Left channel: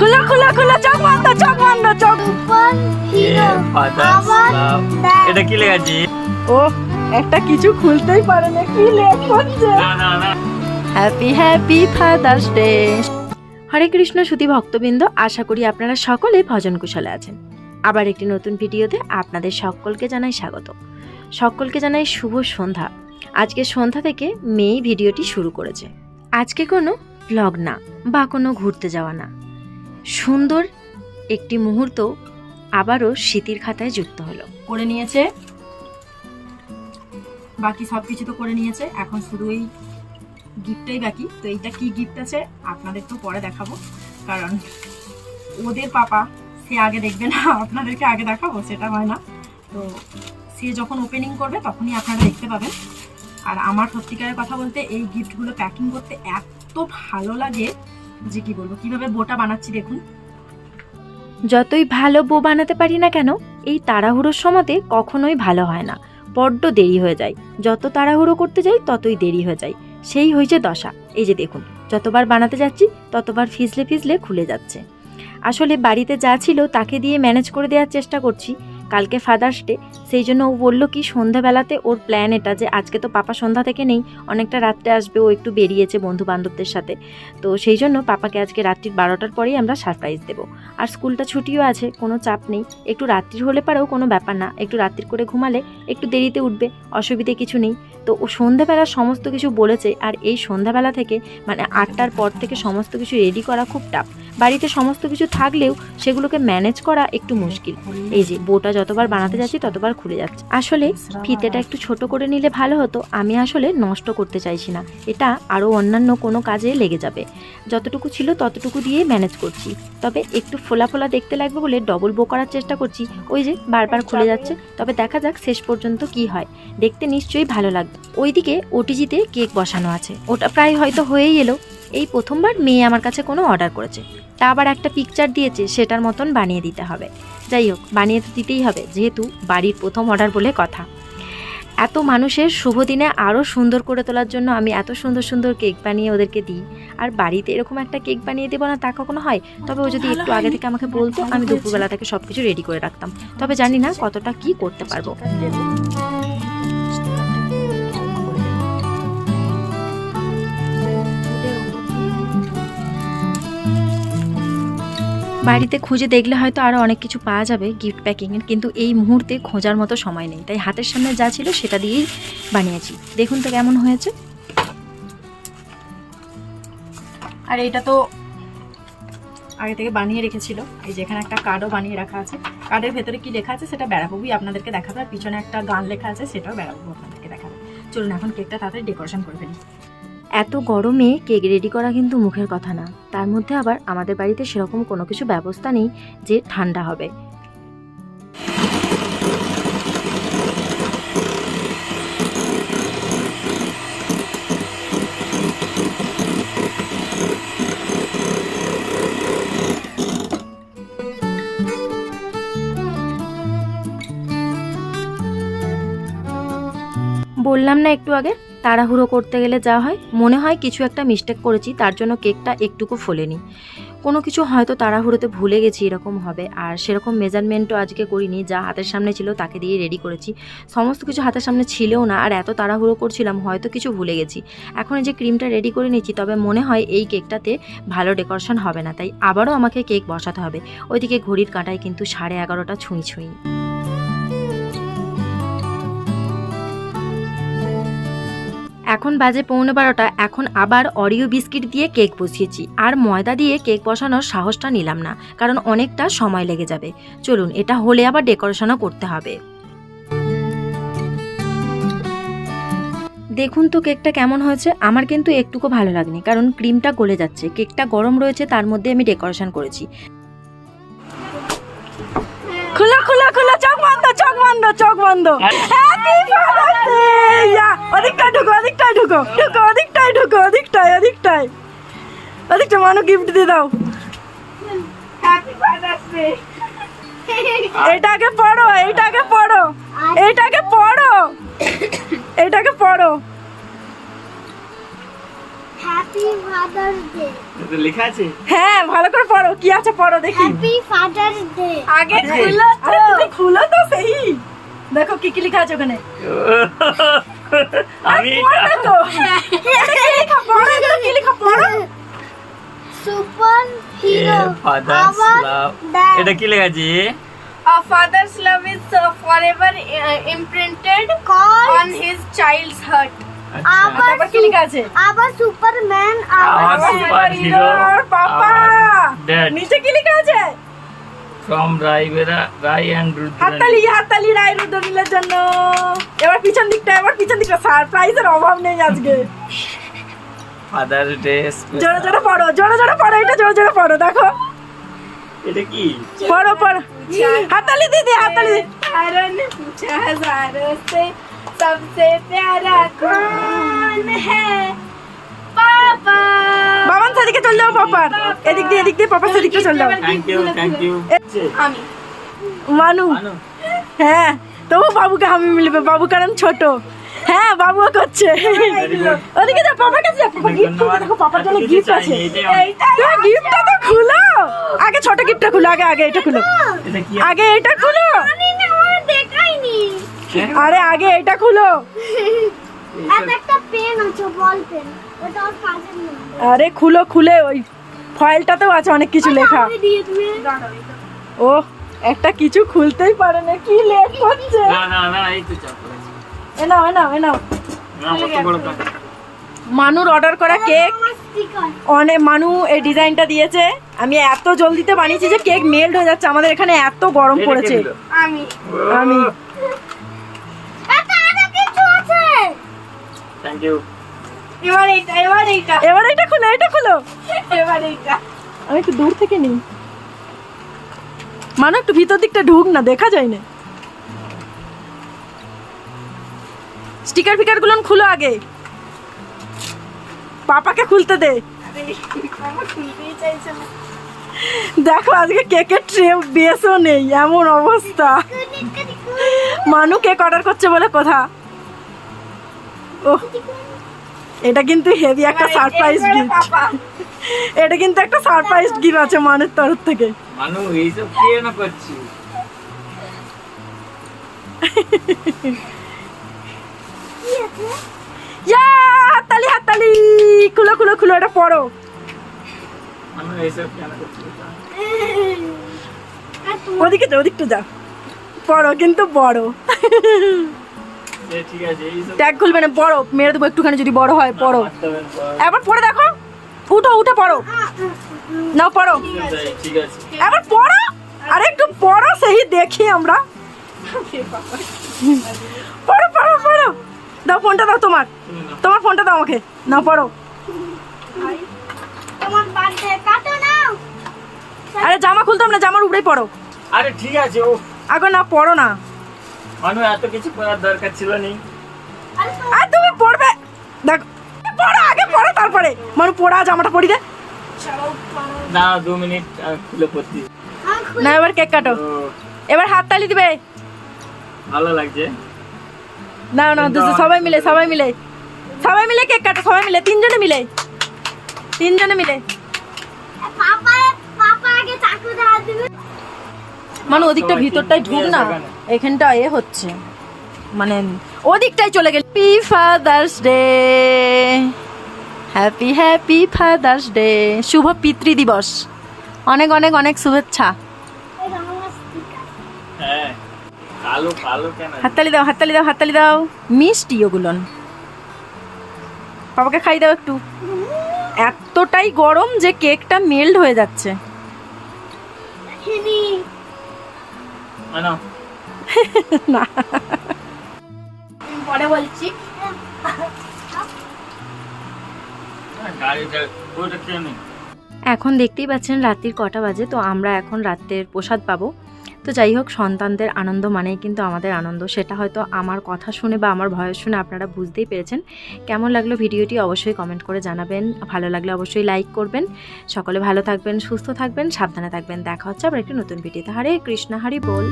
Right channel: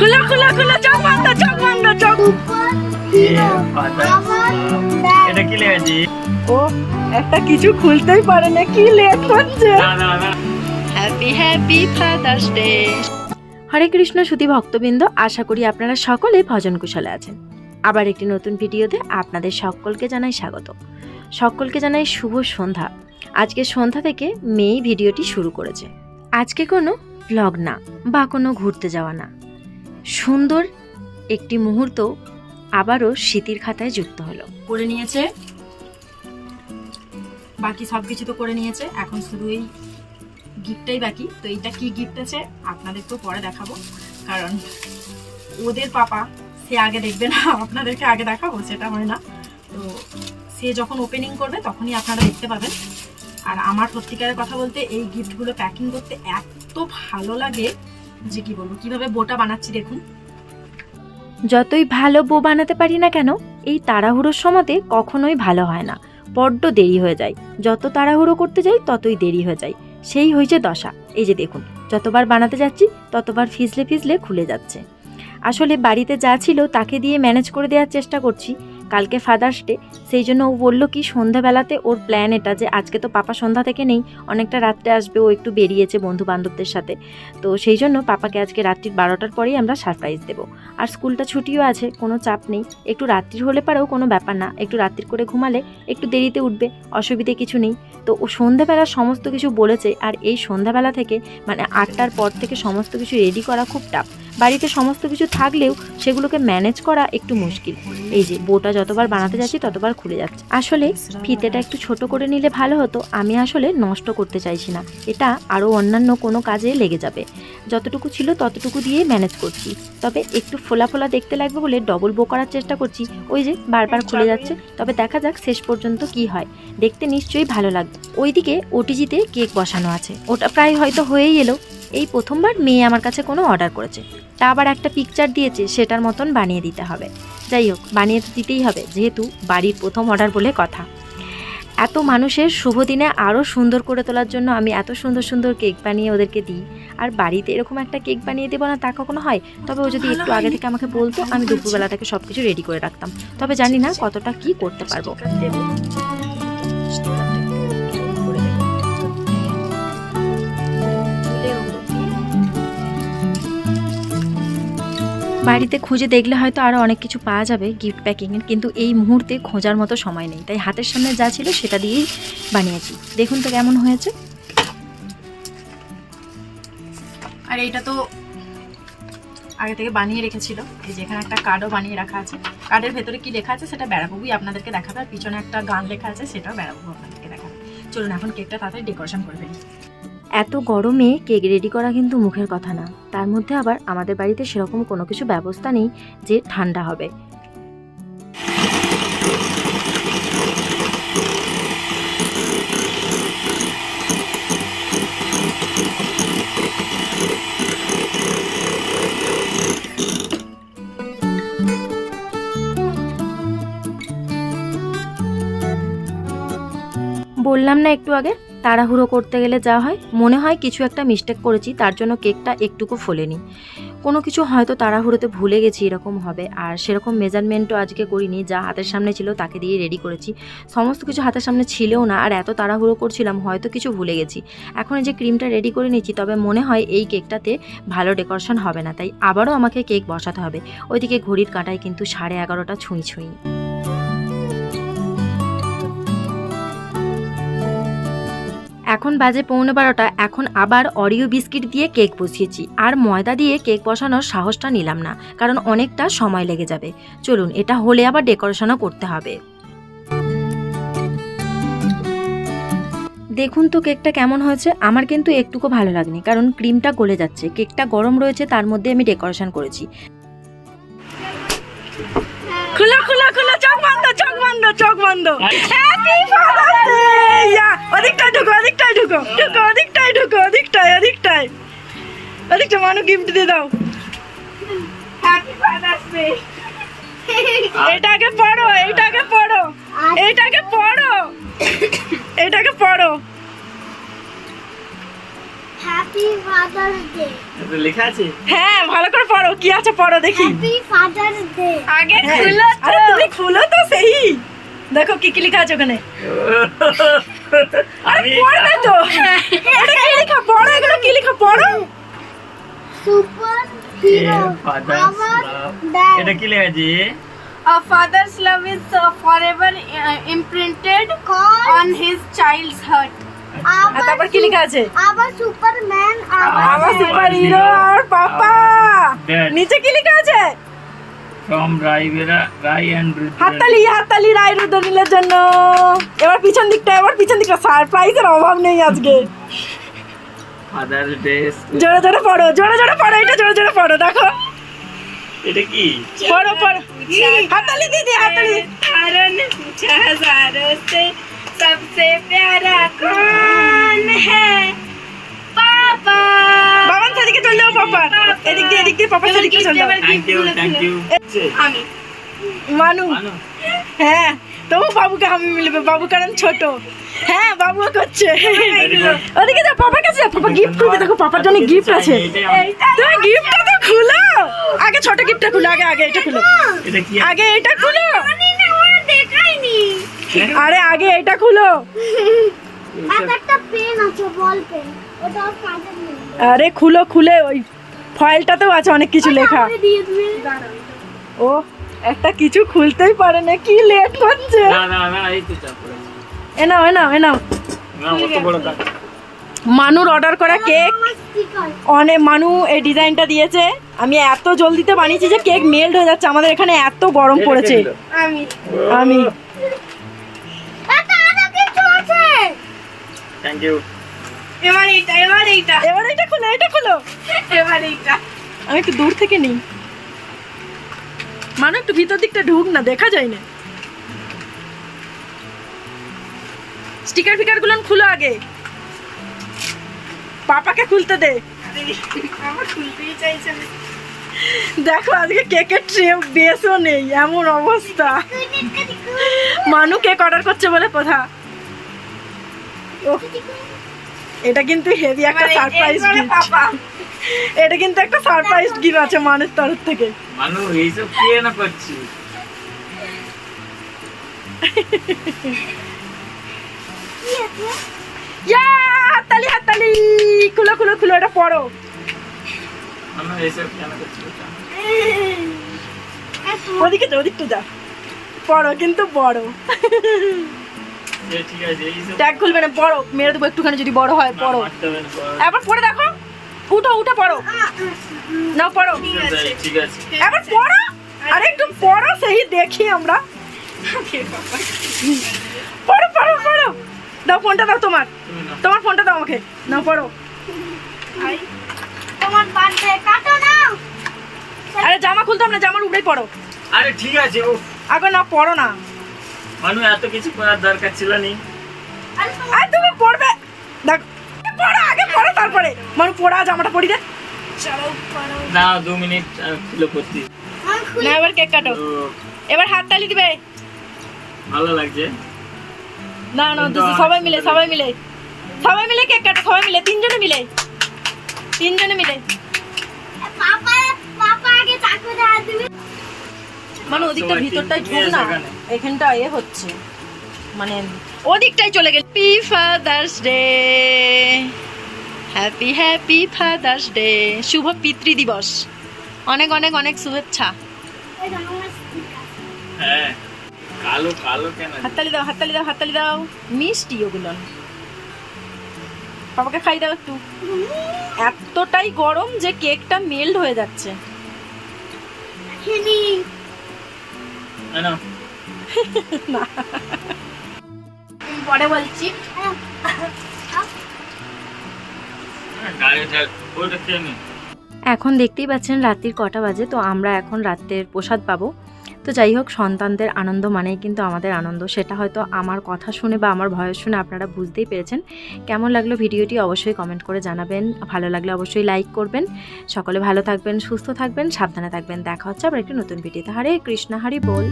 খুলো খুলো খুলো চোখ বন্ধ চোখ বন্ধ চোখ এটা কি লেগেছে ও একটা কিছু খুলতেই পারে না কি লেট হচ্ছে না না না। Happy happy father's day Hare Krishna সুধী ভক্তবৃন্দ আশা করি আপনারা সকলে ভজন কুশলে আছেন। আবার একটি নতুন ভিডিওতে আপনাদের সকলকে জানাই স্বাগত। সকলকে জানাই শুভ সন্ধ্যা। আজকে সন্ধ্যা থেকে মেয়েই ভিডিওটি শুরু করেছে। আজকে কোনো ব্লগ না বা কোনো ঘুরতে যাওয়া না। সুন্দর একটি মুহূর্ত আবারও স্মৃতির খাতায় যুক্ত হলো। করে নিয়েছে। বাকি সব কিছু তো করে নিয়েছে। এখন শুধু এই গিফটটাই বাকি। তো এইটা কি গিফট আছে আপনাদের তো পরে দেখাবো। কারণ ওদের পাপা, সে আগে দেখবে না, আপনাদেরকে আগে দেখাবো, সেটা হয় না। তো সে যখন ওপেনিং করবে, তখনই আপনারা দেখতে পাবেন। আর আমার সত্যিকারের কথা বলতে, এই গিফটগুলো প্যাকিং করতে এত ভালো লাগে। যে কি বলব, কীভাবে বোটা বানাচ্ছি দেখুন। যতই ভালো বো বানাতে পারি না কেন, এই তাড়াহুড়োর সময়তে কখনোই ভালো হয় না। বড্ড দেরি হয়ে যায়। যত তাড়াহুড়ো করতে যাই, ততই দেরি হয়ে যায়। সেই হয়েছে দশা। এই যে দেখুন, যতবার বানাতে যাচ্ছি, ততবার ফিজলে ফিজলে খুলে যাচ্ছে। আসলে বাড়িতে যা ছিল তাকে দিয়ে ম্যানেজ করে দেওয়ার চেষ্টা করছি। কালকে ফাদার্স ডে সেই জন্য ও বলল কি সন্ধ্যাবেলাতে ওর প্ল্যান এটা যে আজকে তো পাপা সন্ধ্যা থেকে নেই, অনেকটা রাত্রে আসবে, ও একটু বেরিয়েছে বন্ধু বান্ধবদের সাথে। তো সেই জন্য পাপাকে আজকে রাত্রির বারোটার পরেই আমরা সারপ্রাইজ দেবো। আর স্কুলটা ছুটিও আছে, কোনো চাপ নেই। একটু রাত্রির হলে পারেও কোনো ব্যাপার না, একটু রাত্রির করে ঘুমালে একটু দেরিতে উঠবে, অসুবিধে কিছু নেই। তো ও সন্ধ্যাবেলা সমস্ত কিছু বলেছে, আর এই সন্ধ্যাবেলা থেকে মানে আটটার পর থেকে সমস্ত কিছু রেডি করা খুব টাফ বাড়িতে সমস্ত কিছু থাকলেও সেগুলোকে ম্যানেজ করা একটু মুশকিল। এই যে, বোটা যতবার বানাতে যাচ্ছি, ততবার খুলে যাচ্ছে। আসলে ফিতেটা একটু ছোট করে নিলে ভালো হতো, আমি আসলে নষ্ট করতে চাইছি না। এটা আরও অন্যান্য কোনো কাজে লেগে যাবে। যতটুকু ছিল ততটুকু দিয়ে ম্যানেজ করছি। তবে একটু ফোলা ফোলা দেখতে লাগবে বলে ডবল বো করার চেষ্টা করছি। ওই যে, বারবার খুলে যাচ্ছে। তবে দেখা যাক শেষ পর্যন্ত কি হয়। দেখতে নিশ্চয়ই ভালো লাগবে। ওইদিকে ওটিজিতে কেক বসানো আছে। ওটা প্রায় হয়তো হয়েই এলো। এই প্রথমবার মেয়ে আমার কাছে কোনো অর্ডার করেছে। তা আবার একটা পিকচার দিয়েছে সেটার মতন বানিয়ে দিতে হবে। যাই হোক বানিয়ে তো দিতেই হবে যেহেতু বাড়ির প্রথম অর্ডার বলে কথা। এত মানুষের শুভ দিনে আরও সুন্দর করে তোলার জন্য আমি এত সুন্দর সুন্দর কেক বানিয়ে ওদেরকে দিই। আর বাড়িতে এরকম একটা কেক বানিয়ে দেবো না তা কখনো হয়? তবে ও যদি একটু আগে থেকে আমাকে বলতো আমি দুপুরবেলা থেকে সব কিছু রেডি করে রাখতাম। তবে জানি না কতটা কি করতে পারব। বাড়িতে খুঁজে দেখলে হয়তো আরও অনেক কিছু পাওয়া যাবে গিফট প্যাকিংয়ের কিন্তু এই মুহূর্তে খোঁজার মতো সময় নেই। তাই হাতের সামনে যা ছিল সেটা দিয়েই বানিয়েছি। দেখুন তো কেমন হয়েছে। আর এটা তো আগে থেকে বানিয়ে রেখেছিল। এই যে এখানে একটা কার্ডও বানিয়ে রাখা আছে। কার্ডের ভেতরে কি লেখা আছে সেটা বেড়াবুই আপনাদেরকে দেখাবে। আর পিছনে একটা গান লেখা আছে সেটাও বেড়াবু আপনাদেরকে দেখাবে। চলুন এখন কেকটা তাড়াতাড়ি ডেকোরেশন করে ফেলি। এত গরমে কেক রেডি করা কিন্তু মুখের কথা না। তার মধ্যে আবার আমাদের বাড়িতে সেরকম কোনো কিছু ব্যবস্থা নেই যে ঠান্ডা হবে। বললাম না একটু আগে? তাড়াহুড়ো করতে গেলে যা হয়, মনে হয় কিছু একটা মিস্টেক করেছি, তার জন্য কেকটা একটুকু ফোলেনি। কোনো কিছু হয়তো তাড়াহুড়োতে ভুলে গেছি, এরকম হবে। আর সেরকম মেজারমেন্টও আজকে করিনি, যা হাতের সামনে ছিল তাকে দিয়ে রেডি করেছি। সমস্ত কিছু হাতের সামনে ছিলও না, আর এত তাড়াহুড়ো করছিলাম, হয়তো কিছু ভুলে গেছি। এখন এই যে ক্রিমটা রেডি করে নিচ্ছি তবে মনে হয় এই কেকটাতে ভালো ডেকোরেশন হবে না, তাই আবারও আমাকে কেক বসাতে হবে। ওইদিকে ঘড়ির কাঁটায় কিন্তু সাড়ে এগারোটা ছুঁই ছুঁই। এখন বাজে পৌনে বারোটা, এখন আবার অরিও বিস্কিট দিয়ে কেক বসিয়েছি। আর ময়দা দিয়ে কেক বসানোর সাহসটা নিলাম না, কারণ অনেকটা সময় লেগে যাবে। চলুন, এটা হলে আবার ডেকোরেশনও করতে হবে। দেখুন তো কেকটা কেমন হয়েছে। আমার কিন্তু একটুকু ভালো লাগেনি, কারণ ক্রিমটা গলে যাচ্ছে। কেকটা গরম রয়েছে, তার মধ্যে আমি ডেকোরেশন করেছি। খোলা খোলা খোলা, চোখ বন্ধ চোখ বন্ধ চোখ বন্ধ হ্যাপি ফাদার্স ডে ইয়া ওদিকটাই ঢুকো ওদিকটাই ঢুকো ঢুকো ওদিকটাই ঢুকো ওদিকটাই ওদিকটাই ওদিকটা মানু গিফট দিয়ে দাও। হ্যাপি ফাদার্স ডে এটাকে পড়ো এটাকে পড়ো এটাকে পড়ো এটাকে পড়ো। হ্যাপি ফাদার্স ডে লেখা আছে? হ্যাঁ ভালো করে পড়ো কি আছে পড়ো দেখি। হ্যাপি ফাদার্স ডে আগে খুলো তো। তুমি খুলো তো সেই। দেখো কি কি লেখা আছে ওখানে। আমি পড়বে তো। লেখা পড়ো এগুলো কি লেখা পড়ো। সুপার হিরো ফাদার্স লাভ এটা কি লেখা আছে? A father's love is uh, forever uh, imprinted on his child's heart. আচ্ছা। তারপর কি লেখা আছে? আবার সুপারম্যান আবার আবার সুপার হিরো। আর পাপা। নিচে কি লেখা আছে? ফ্রম রাইভেরা রাই অ্যান্ড রুদ্র হাততালি হাততালি রায় রুদ্রনীলের জন্য এবার পিছন দিকটা এবার পিছন দিকটা সারপ্রাইজের অভাব নেই আজকে ফাদার্স ডে জোরে জোরে পড়ো জোরে জোরে পড়ো এটা জোরে জোরে পড়ো দেখো এটা কি পড়ো পড়ো হাততালি দিদি হাততালি चारों ने पूछा हजारों से सबसे प्यारा कौन है पापा যাও পাপা। এদিক দিয়ে এদিক দিয়ে পাপা সেদিকে চল। যাও থ্যাংক ইউ থ্যাংক ইউ আমি। মানু। হ্যাঁ তবু বাবুকে আমি মিলবে বাবু কারণ ছোট। হ্যাঁ বাবুও করছে। ওদিকে যাও পাপার কাছে পাপা গিফট খুলতে দেখো পাপার জন্য গিফট আছে। তুমি গিফটটা তো খুলো। আগে ছোট গিফটটা খুলো আগে আগে এটা খুলো। আগে এটা খুলো। হ্যাঁ? আরে আগে এটা খুলো। একটা পেন আছে বল পেন আরে খুলো খুলে ওই ফয়েলটাতেও আছে অনেক কিছু লেখা। দিয়ে ও একটা কিছু খুলতেই পারে না কি লেট হচ্ছে। না না না এই তো চাপ পড়েছে। এ নাও এ নাও এ নাও। না অত বড় কাজ মানুর অর্ডার করা কেক অনেক মানু এই ডিজাইনটা দিয়েছে। আমি এত জলদিতে বানিয়েছি যে কেক মেল্ট হয়ে যাচ্ছে। আমাদের এখানে এত গরম পড়েছে। আমি। আমি। এটা কিছু আছে। থ্যাংক ইউ এবার এইটা এবার এইটা। এবার এটা খুলো এটা খুলো। এবার এইটা। আমি একটু দূর থেকে নিই। মানে একটু ভিতর দিকটা ঢুক না দেখা যায় না। স্টিকার ফিকারগুলো খুলো আগে। পাপাকে খুলতে দে। দেখো আজকে কেকের ট্রে বেসও নেই এমন অবস্থা। মানু কেক অর্ডার করছে বলে কথা। ও এটা কিন্তু হেভি একটা সারপ্রাইজ এবারে গিফট এটা কিন্তু একটা সারপ্রাইজ গিফট আছে মানুষ তরফ থেকে। মানু এইসব কি না করছি? ইয়া হাততালি হাততালি! খুলো খুলো খুলো এটা পড়ো। মানু এইসব কেন করছি ওদিকে যা ওদিকটা যা। পড়ো কিন্তু বড় ট্যাগ খুলবে না বড় মেরে দেবো একটুখানি যদি বড় হয় পড়ো। এবার পড়ে দেখো উঠো উঠে পড়ো। নাও পড়ো। এবার পড়ো আরে একটু পড়ো সেই দেখি আমরা। পড়ো পড়ো পড়ো। দাও ফোনটা দাও তোমার। তোমার ফোনটা দাও আমাকে। না পড়ো। তোমার বার্থডে কাটো নাও। আরে জামা খুলতাম না জামার উপরেই পড়ো। আরে ঠিক আছে ও আগে না পড়ো না। মানু এত কিছু করার দরকার ছিল নি? আর তুমি পড়বে। দেখ পড়ো আগে পড়ো তারপরে। মানু পড়া জামাটা পরি দে। না দু মিনিট খুলে পড়তি। না এবার কেক কাটো। এবার হাত তালি দিবে। ভালো লাগছে। না না দুটো সবাই মিলে সবাই মিলে। সবাই মিলে কেক কাটো সবাই মিলে তিনজনে মিলে। তিনজনে মিলে। পাপা পাপা আগে চাকুতে হাত দিবে মানে ওদিকটা ভিতরটাই ঢুক না এখানে। এখানটা এ হচ্ছে। মানে ওদিকটাই চলে গেল। Happy father's day happy happy father's day শুভ পিতৃ দিবস অনেক অনেক অনেক শুভেচ্ছা। হ্যাঁ হাততালি দাও হাততালি দাও হাততালি দাও। মিষ্টি ওগুলো। বাবাকে খাই দাও একটু। এতটাই গরম যে কেকটা মেল্ট হয়ে যাচ্ছে। না। পরে বলছি। আমি। এখন দেখতেই পাচ্ছেন রাত্রির কটা বাজে তো আমরা এখন রাত্রের প্রসাদ পাবো। তো যাই হোক, সন্তানদের আনন্দ মানেই কিন্তু আমাদের আনন্দ। সেটা হয়তো আমার কথা শুনে বা আমার ভয়েস শুনে আপনারা বুঝতেই পেরেছেন। কেমন লাগল ভিডিওটি অবশ্যই কমেন্ট করে জানাবেন। ভালো লাগলে অবশ্যই লাইক করবেন। সকলে ভালো থাকবেন, সুস্থ থাকবেন, সাবধানে থাকবেন। দেখা হচ্ছে আবার একটি নতুন ভিডিওতে। হরে কৃষ্ণ, হরি বল।